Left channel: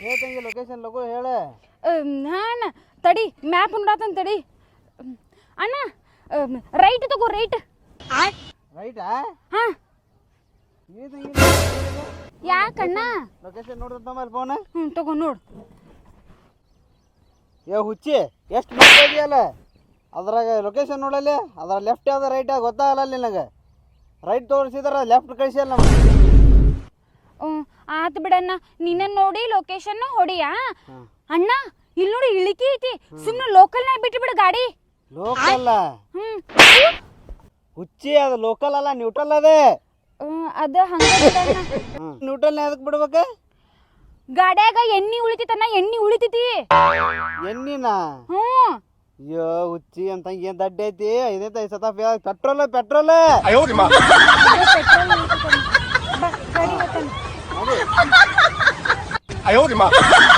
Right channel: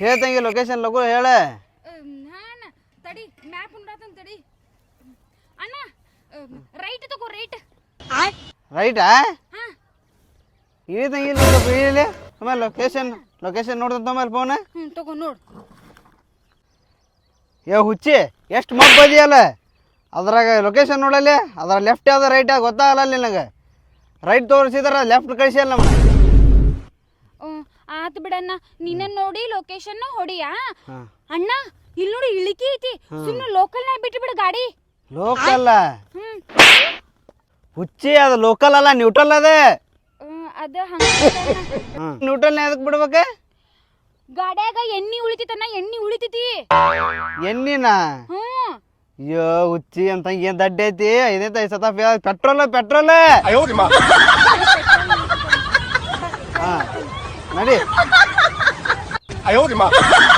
ಹೇಳ್ತಂಗಿ location ಲಗು ಹೇಳ. ಹಾ ಅಣ್ಣ ತಡಿ ಮ್ಯಾಪ್ ನೋಡಾತನ್ ತಡಿ ಅಣ್ಣ. ರೈಟ್ ತಗೋ ರೈಟ್. ರೈಟಾ? ಹಾ ಇಳಿತಂಗಿ ಲೊಕೇಶನ್ ನೋಡ್ದಂತ ಮೇಲೆ ಫೋನ್. ತಗೋ ನೋಡು. ಹುಚ್ಚಿ ಎಷ್ಟು ಮುಪ್ಪದಿಯಲ್ಲ ಅದ್ರಾಗ ಲೊಕೇಶನ್ ನೋಡಲ್ಲಿ. ಅದ್ರ ಲೆಫ್ಟ್ ಯಾವ್ದು ರೈಟ್ ಗೊತ್ತಾಗಲ್ಲ ನಿನಗೆ. ರೈಟ್ ತೋರಿಸಿದ್ರ ಲೆಫ್ಟ್ ಕಳಿಸಿಯಲ್ಲ ನಮ್ಗೆ. ಆತ್ ಬಿಡಣ್ಣ ನಿನ್ನ ನೋಡಿ ಲೊಕೇಶನ್ ಹೊಡಿಯಾ. ಅಣ್ಣ ಇಲ್ಲಿ ನೋಡಿ ಇಳಿತಿ ಐತಿ. ಸುಮ್ಮನೆ ಲೋಕಲ್ ನಾಗ ಬಿಟ್ಟು ಬಿಡ ಗಾಡಿ. ಲೋಕಲ್ ಹುಚ್ಚಿ ಅದು ಲೋಕಲ್ ಅಲ್ಲ, ನ್ಯೂಟ್ರಲ್ ಅದ. ಅದ ನ್ಯೂಟ್ರಲ್ ಎದಕ್ ಬಿಡ್ಬೇಕ? ಗಾಡ್ಯಾಗ ಎಣ್ಣಿ ಉಳಿತೈತಣ್ಣ, ಎಣ್ಣಿ ಉಳಿತೈತಿ. ಎಣ್ಣಿನ? ಅಯ್ಯೋ ಹುಚ್ಚಿ ಅಂತ ಏನ್ ದಡ್ಡ ಐತಿ. ಐದೈತೆ ಸತ ಪೆಟ್ರೋಲ್ ನಡಿ.